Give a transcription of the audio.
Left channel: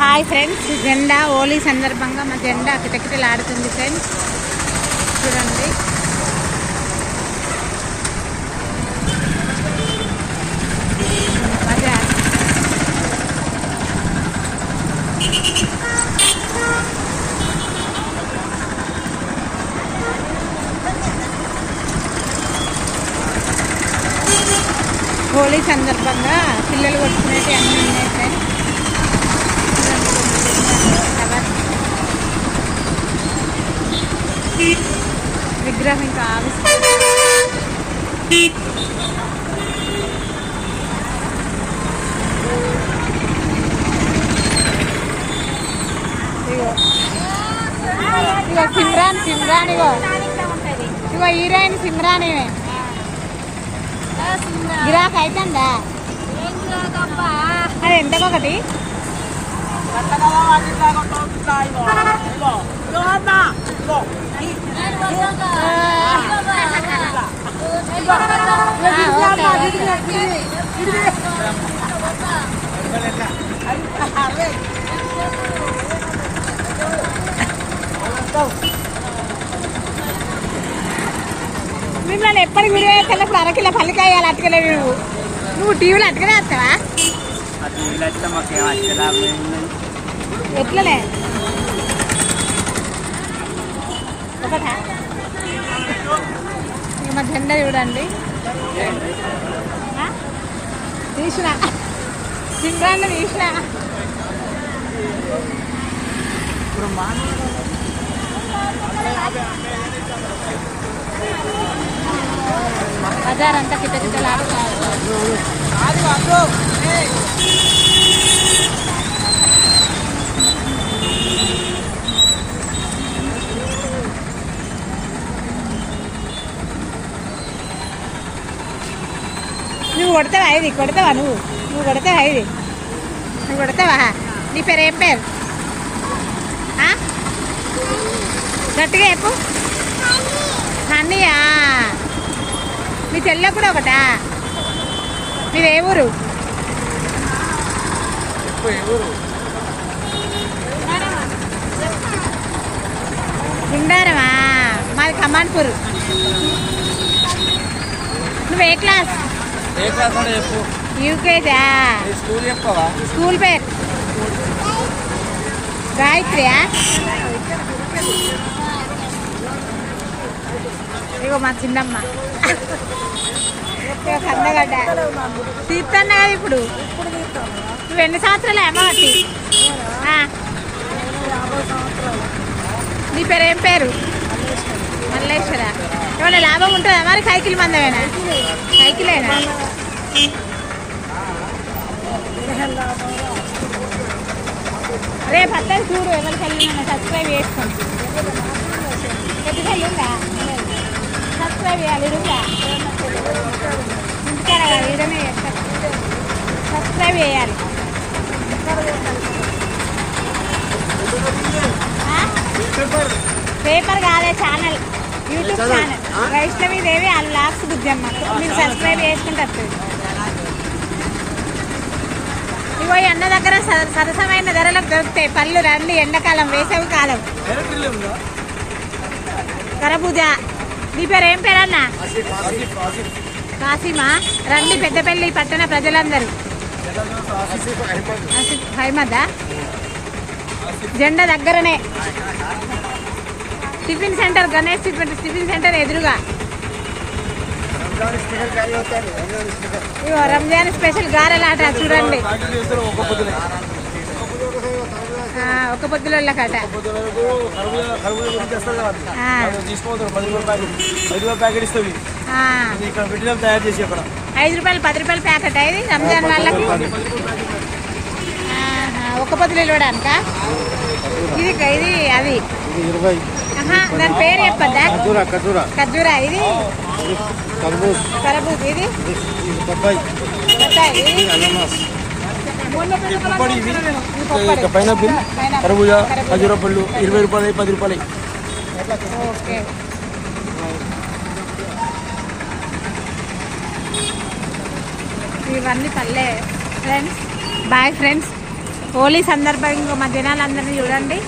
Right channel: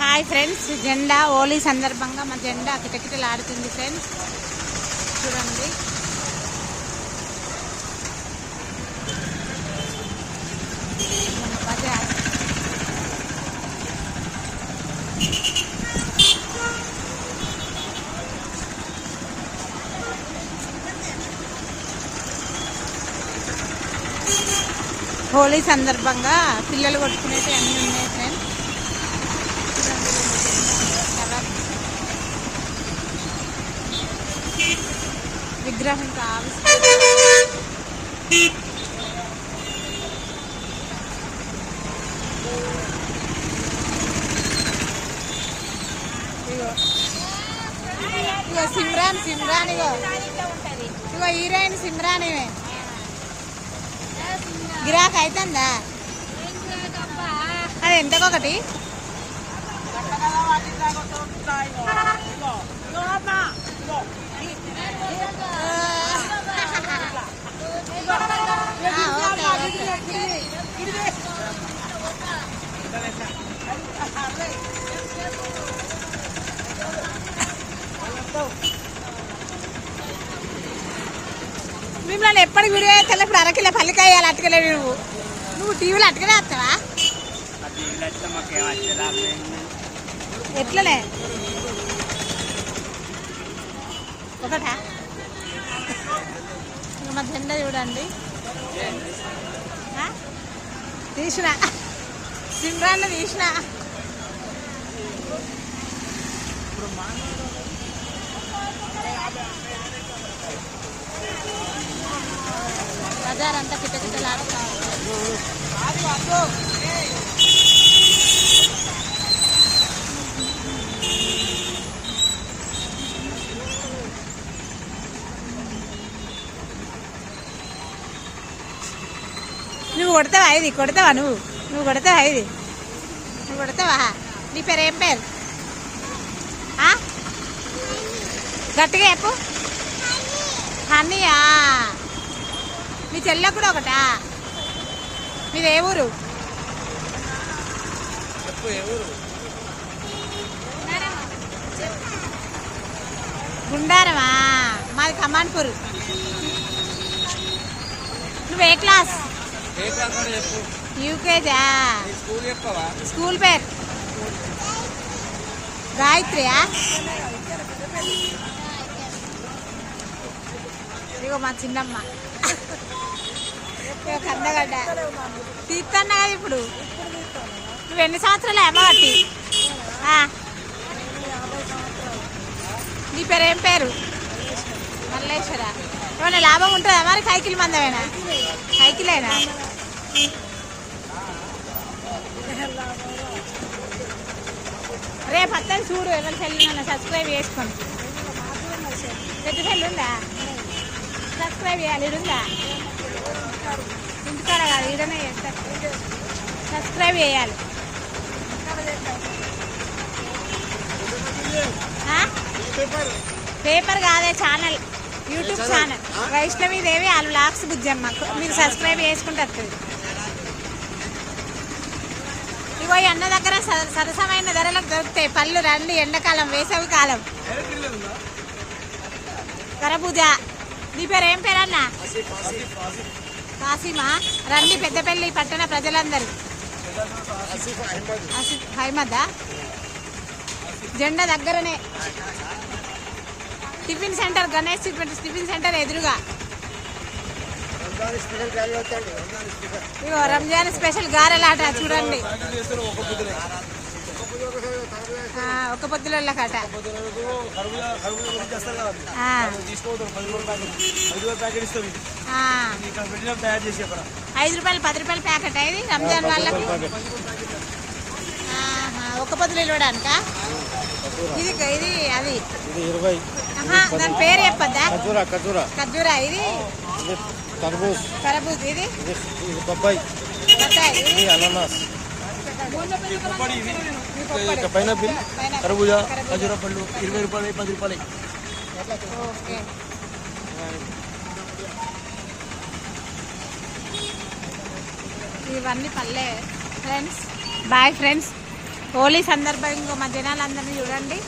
Hi friends జెండా హోలీ సందర్భంగా మా జెండా కిటకిటలు ఫ్రెండ్స్. చూడండి. హోలీ సందర్భంగా పిల్లలు కొట్టుకునేవి అన్నీ విగ్రహం ఇంకా ఆవిష్కరణ ego ego Simran Simran ego ego heroine Simran ఇవే గిరాక్ అవుతుందా అది ఎంతకొకటి మిమ్మల్ని ఎప్పటికి వీడియో చేస్తే అరకిలో పల్లికాయ అట్టుకెళ్ళి నువ్వు నువ్వు టీవీలో అట్టుకునే వస్తావా? ఎట్లనే? ఒకటా? మా జెండా చూడండి. తీసిన. సిమ్రాన్ని తీసిన. ఇప్పుడు మా బజార్ అంతా కిటకిటలాడుతారు నువ్వు కొడతావా? ఇది కొడతావా నువ్వు? నువ్వు కొడతావా? ఇది నువ్వు కొడతావా? నీ పేరు ఏం పేరు? గట్టిగా చెప్పు. హనీయా. మీ చెల్లె కూడా ఒకటా? మీది ఏ ఊరు? గుండారమా? మాది కమాన్పూర్. నువ్వు ఏ క్లాస్? యూకేజా? స్కూల్ పేరు? గాయత్రియా ఇగో మా చిన్నమ్మ. కందగడ్డ తీస్తాను కదా ఇప్పుడు? నువ్వు ఎన్ని సంవత్సరాలు అమ్మటి నీ పేరు ఏం పేరు? మల్లేశ్వర? ఏమైనా లాభం ఉంటుందా మరి సైకిల్ మందమేనా? సైకిలేనా? రేపు అత్తని చూడు ఎవరికి వెళ్ళిన సబ్స్క్రైబ్ చేసుకోండి కొద్దిగా ఉందా? సబ్స్క్రైబ్ చేయాలి ఇరుగా ఇంటికాడ ఇడమే సబ్స్క్రైబ్ చేయాలి? పేపర్ కాదే channel YouTube channel Vaishnavi Devi వాళ్ళ లాక్స్ బుజ్జమ్మ మీరు సబ్స్క్రైబ్ చేసుకుంటారు. ఈ అన్న దగ్గర స- సరసమైన ధరలకు దొరుకుతాయి. పళ్ళు రండి ఎండాకాలం వేసవి కాలం. కరబూజ. మీ పేరు ఏం పేరు అన్న? కాసిమా. రండి పెద్దపల్లి పట్టణ ప్రజలందరూ. హైమదా? జెండా దగ్గరనే. Tiffin centre Ganesh tiffin tiffin centre ఎదురుగా. ఇగో రంజాన్ స్పెషల్ గారెలాట చూడండి. ఒక పొద్దునే పొద్దుల కట ఐదు రూపాయలు పది రూపాయలు ప్యాకెట్ ఇది రంజాన్ వాళ్ళకి. ఒక పొద్దులు ఇవ్వడానిక ఇది ఇది అది. ఇరవై దాని పేరు చెప్పద్దా? ఖర్జూరా ఇది? కర్బూజ్ ఇది? పైనాపిల్. కర్బూజా. ఖజూర పళ్ళు ఇరవై రూపాయలు పది రూపాయలు. ఓకే. ఇవన్నీ పల్లె. Friends boy friends. హోలీ సందర్భంగా మా జనాలందరినీ చూడండి.